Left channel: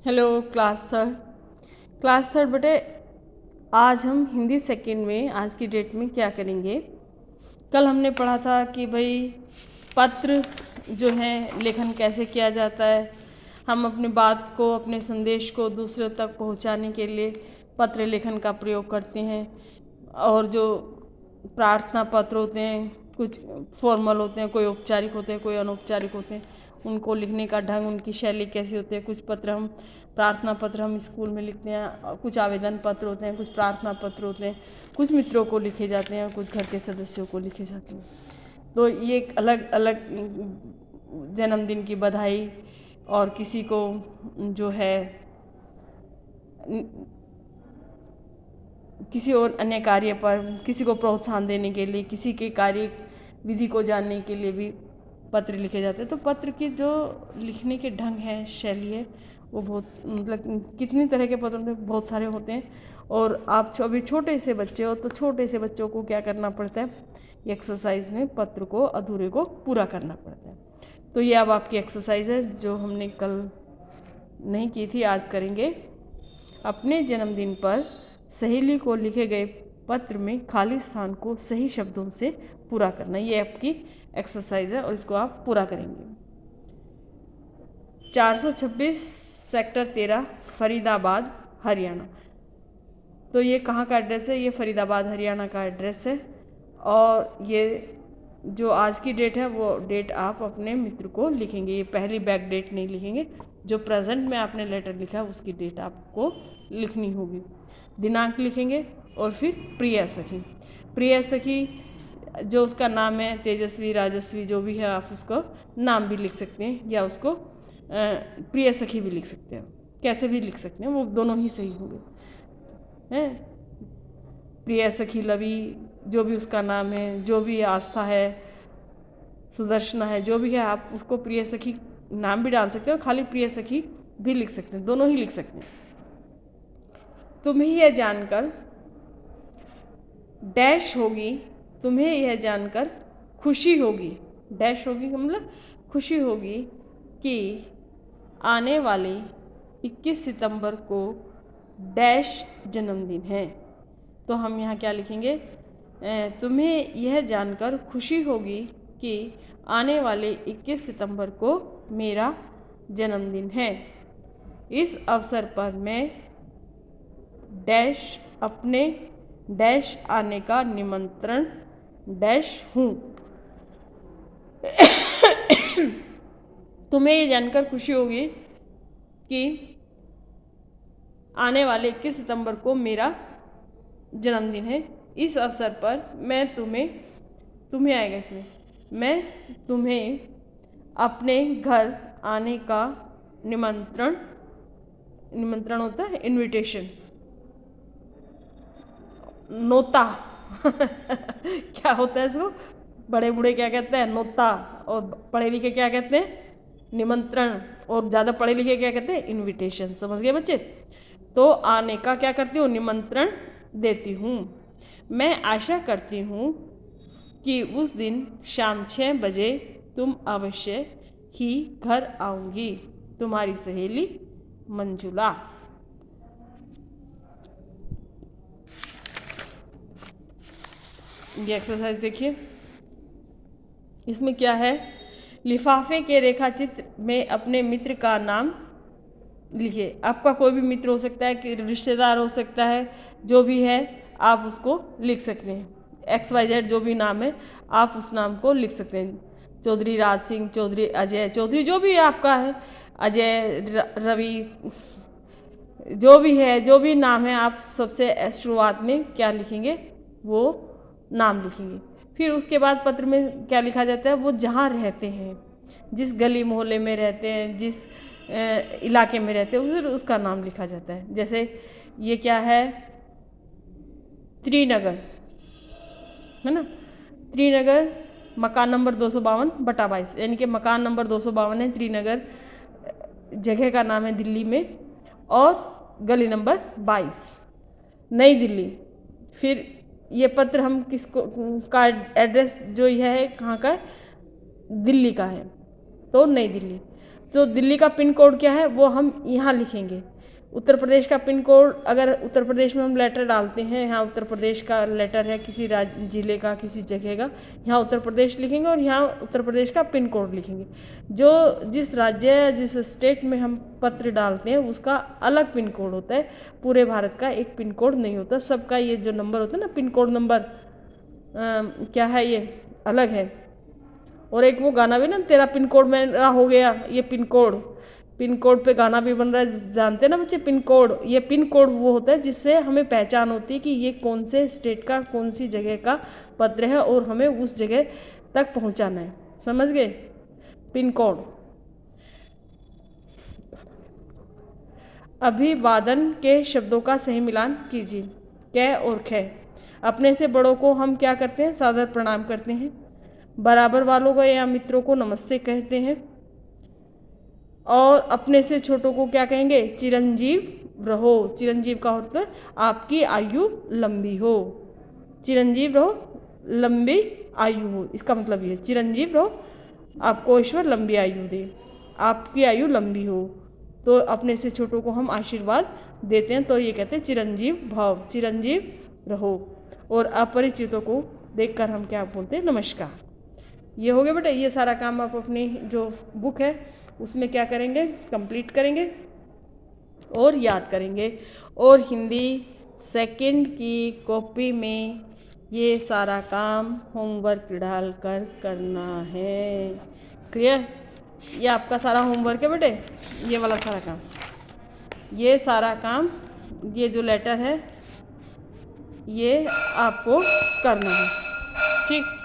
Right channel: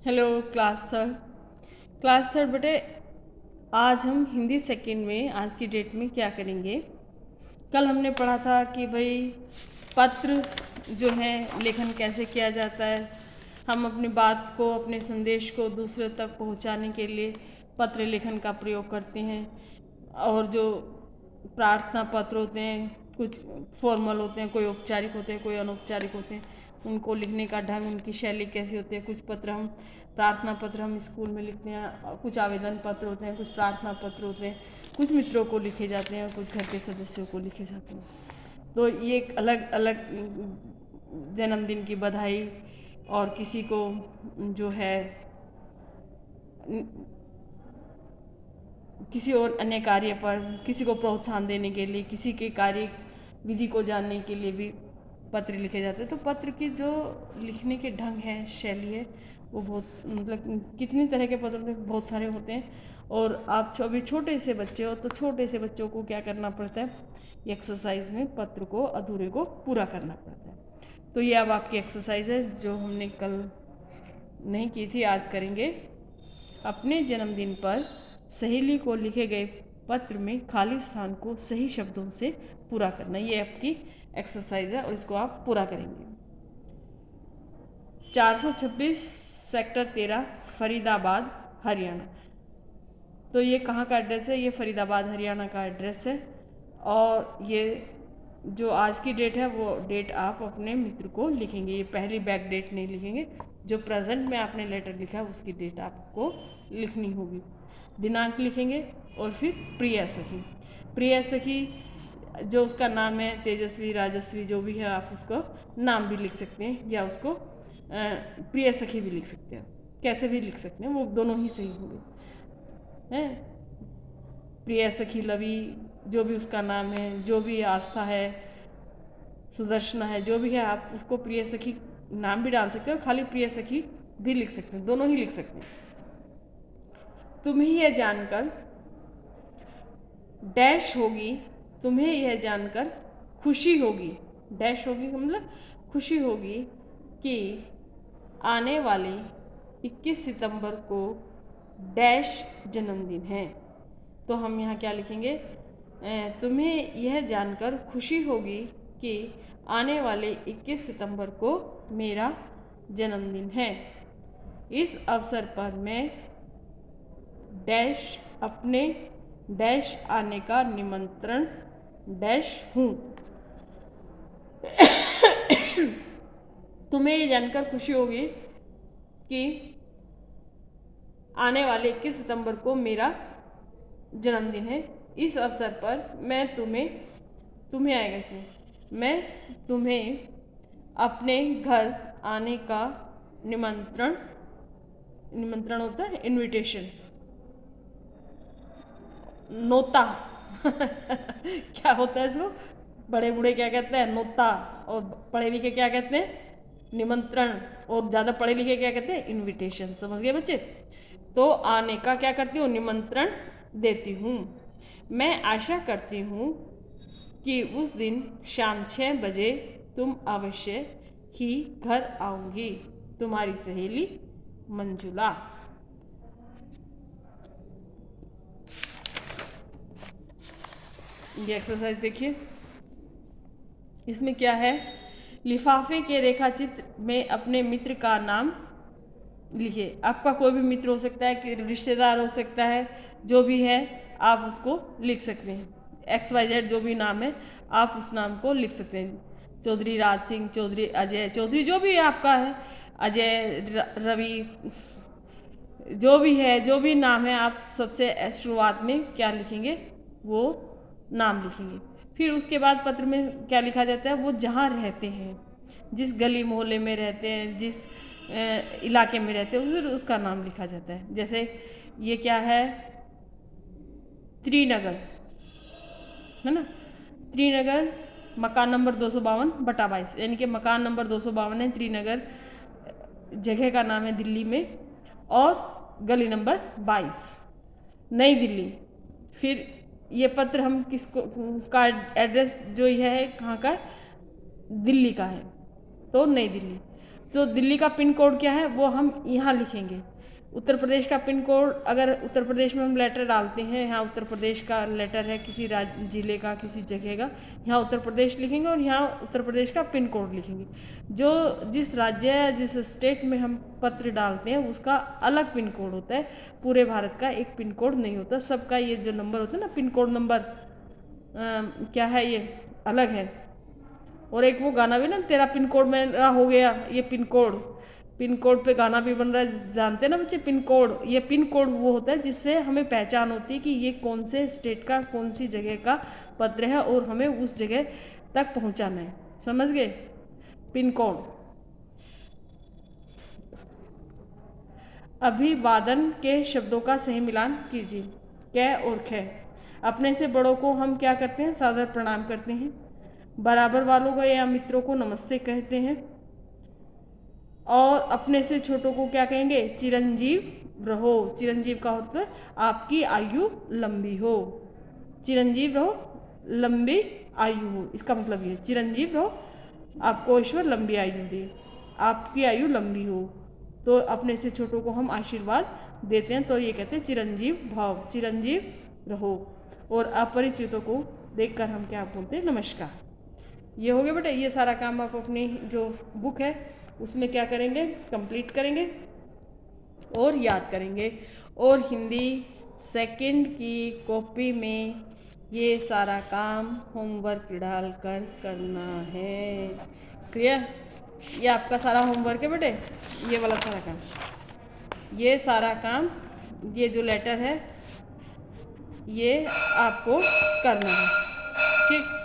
Hello class third बेटे। आज हम हिंदी सेकंड में आज की डेट में क्या करेंगे। कल हमने पढ़ा था कि भाई पत्र जो है लेखन कैसे किया जाता है। हम अपनी बात को अपने संदेश को दूसरे तक पहुंचाने के लिए पत्र लेखन का प्रयोग करते हैं। और जो प्रार्थना पत्र होते हैं कुछ फॉर्मल होते हैं, कोई औपचारिक होते हैं, कोई अनौपचारिक होते हैं। उनको लिखने का ढंग, उनकी शैली कैसी होती है। कुछ पत्र हम प्रार्थना पत्र हम स्कूल में लिखते हैं, कुछ आवेदन पत्र होते हैं, कुछ प्रार्थना पत्र होते हैं, कुछ मित्रों को लिखे जाते हैं, कुछ घर के सदस्यों को लिखे जाते हैं। तो ये एक अलग अलग जन्मदिन की बधाई और किसी को जो है किसी और अन्य कार्य पर किसी को प्रोत्साहन देने के लिए, किसी के कार्य विधि को जानने के लिए भी पत्र लिखे जाते हैं। तो पत्र की जो लिखने के ढंग है, शैली है, वो बहुत मतलब कितनी तरह के पत्र में बहुत सारे होते हैं। और आप अभी छोटे से बच्चे हो तो छोटे से बच्चों को क्या करना पड़ता है, एक्सरसाइज में पत्र को अधूरे को पूरा करना पड़ता है। तो ये अब आपकी एक्सरसाइज है जो हमने कल नहीं की थी, आज करेंगे। अपने जन्मदिन पर सहेली को लिखे गए पत्र में खाली स्थान को सही शब्दों से पूरा करना, ये आपकी एक्सरसाइज है और इसको आप पूरा करेंगे। 426 सेक्टर 13 फरीदाबाद हरियाणा। तो ये कहाँ का एड्रेस है? ये फरीदाबाद हरियाणा का एड्रेस है। और ये जो आज की डेट है वो डेट आप अपने मित्र को लिखेंगे। ये पहली बैक डेट नहीं लिखेंगे, जो प्रेजेंट में आपने लेटर लिखा है उसकी डेट आपको लिखनी होगी। दिनांक लिखेंगे और फिर प्रिय सखी। प्रिय सखी जो उसका नाम है, तेजस्वी, राजस्वी, जो भी है, आप उसको नाम भी लिख सकते हैं या उसको प्रिय सखी भी लिख सकते हैं। कैसे भी लिख सकते हैं, वो दोनों ही सही होंगे हैं। प्रिय सखी लवी, जो भी उसका नाम है, जो भी आस्था है, सुदर्शना है, जो भी है, आप उसको प्रिय सखी नाम भी डाल सकते हो, खाली प्रिय सखी भी लिख सकते हैं, दोनों ही लिख सकते हैं। तुम्हें यह जानकर डैश होगी, तुम्हें यह जानकर खुशी होगी, डैश होगी मतलब खुशी होगी कि आने वाले 21 सितंबर को डैश जन्मदिन है। तो हम यहाँ क्या लिखेंगे? तुम्हें यह जानकर खुशी होगी कि आने वाले 21 सितंबर को मेरा जन्मदिन है। इस अवसर पर मैं डैश अपने डैश आने का निमंत्रण डैश हूँ। तुम्हें ये जानकर खुशी होगी कि आने वाले 21 सितंबर को मेरा जन्मदिन है। इस अवसर पर मैं तुम्हें आएगा इसमें, मैं तुम्हें अपने घर आने का निमंत्रण होता है इनविटेशन, नोता क्या होता है इसको? बड़े बूढ़े क्या कहते हैं? नोता। और पढ़े लिखे क्या कहते हैं? निमंत्रण। और ज़्यादा पढ़े लिखे क्या कहते हैं? इनविटेशन। समझ गए बच्चे? तो आने का क्या करती हूँ? निमंत्रण देती हूँ। मैं आशा करती हूँ कि उस दिन शाम 6 बजे तुम अवश्य ही घर आओगी। तुम्हारी सहेली मंजुला। ये एक्सरसाइज देखिए, इसमें क्या है? लिफाफे के रेखाचित्र में अपने मित्र का नाम लिखिए। आपका कोई भी मित्र हो सकता है, कि रिश्तेदार हो सकता है, जो भी है आप उसको लिख सकते हैं। XYZ जो भी नाम है आप उस नाम को लिख सकते हैं। चौधरी राज सिंह, चौधरी अजय, चौधरी जो भी आपका है, अजय, रवि, जो भी है, जो भी नाम है, आप सबसे शुरुआत में क्या लिखेंगे? वो नाम लिखेंगे। फिर उसके बाद पत्र में क्या लिखा जाता है? वो जहाँ रहते हैं, जिस गली मोहल्ले में रहते हैं, जिस इलाके में रहते हैं, फिर उसका नाम लिखा जाता है। जैसे ये क्या है? त्रिनगर है ना। त्रिनगर मकान नंबर 252/22, यानी कि मकान नंबर 252 है। त्रिनगर जगह का नाम है दिल्ली में, और गली नंबर 22 नई दिल्ली। फिर ये पत्र हम किसको का एड्रेस जो यह है कहाँ का है? दिल्ली का है, तो नई दिल्ली। तो दिल्ली का पिन कोड क्या है वो हम यहाँ लिखेंगे। उत्तर प्रदेश का पिन कोड, अगर उत्तर प्रदेश में हम लेटर डालते हैं, यहाँ उत्तर प्रदेश का लेटर है किसी जिले का, किसी जगह का, यहाँ उत्तर प्रदेश लिखेंगे और यहाँ उत्तर प्रदेश का पिन कोड लिखेंगे। जो जिस राज्य या जिस स्टेट में हम पत्र डालते हैं उसका अलग पिन कोड होता है, पूरे भारत का एक पिन कोड नहीं होता। सबका ये जो नंबर होता है ना, पिन कोड नंबर क्या है, ये अलग है। और एक वो गाना भी ना, तेरा पिन कोड मेरा हो गया, ये पिन कोड पे गाना भी बन रहा है, जानते हैं ना बच्चे पिन कोड। ये पिन कोड वो होता है जिससे हमें पहचान होती है कि ये कौन से स्टेट का, कौन सी जगह का पत्र है और हमें उस जगह तक पहुंचाना है। समझ गए? Pin code. अभिवादन के शब्दों का सही मिलान कीजिए। कै और खे। अपने से बड़ों को हम क्या करते हैं? सादर प्रणाम करते हैं। बराबर वालों को या मित्रों को नमस्ते कहते हैं। और अपने से छोटों को क्या कहेंगे? चिरंजीव रहो। चिरंजीव का होता है आपकी आयु लंबी हो। चिरंजीव रहो, लंबी आयु हो, इसका मतलब ये चिरंजीव रहो, आपको ईश्वर लंबी आयु दे, आपकी आयु लंबी हो। तो अपने से छोटों को हम आशीर्वाद देते हैं, तो ये कहते हैं चिरंजीव भव, चिरंजीव रहो। और अपरिचितों को देखकर हम क्या बोलते हैं? नमस्कार। ये हो गया बेटा। ये सारा काम आप अपनी जो बुक है उसमें क्या करेंगे? कंप्लीट करेंगे और याद करेंगे। और हिंदी सेकंड की कॉपी में ये सारा काम होमवर्क डाल कर करना है। क्लियर? ये आपका सारा होमवर्क है बेटे, ये वाला सारा काम। ये सारा काम, ये जो लेटर है ये आपको करना है। ठीक।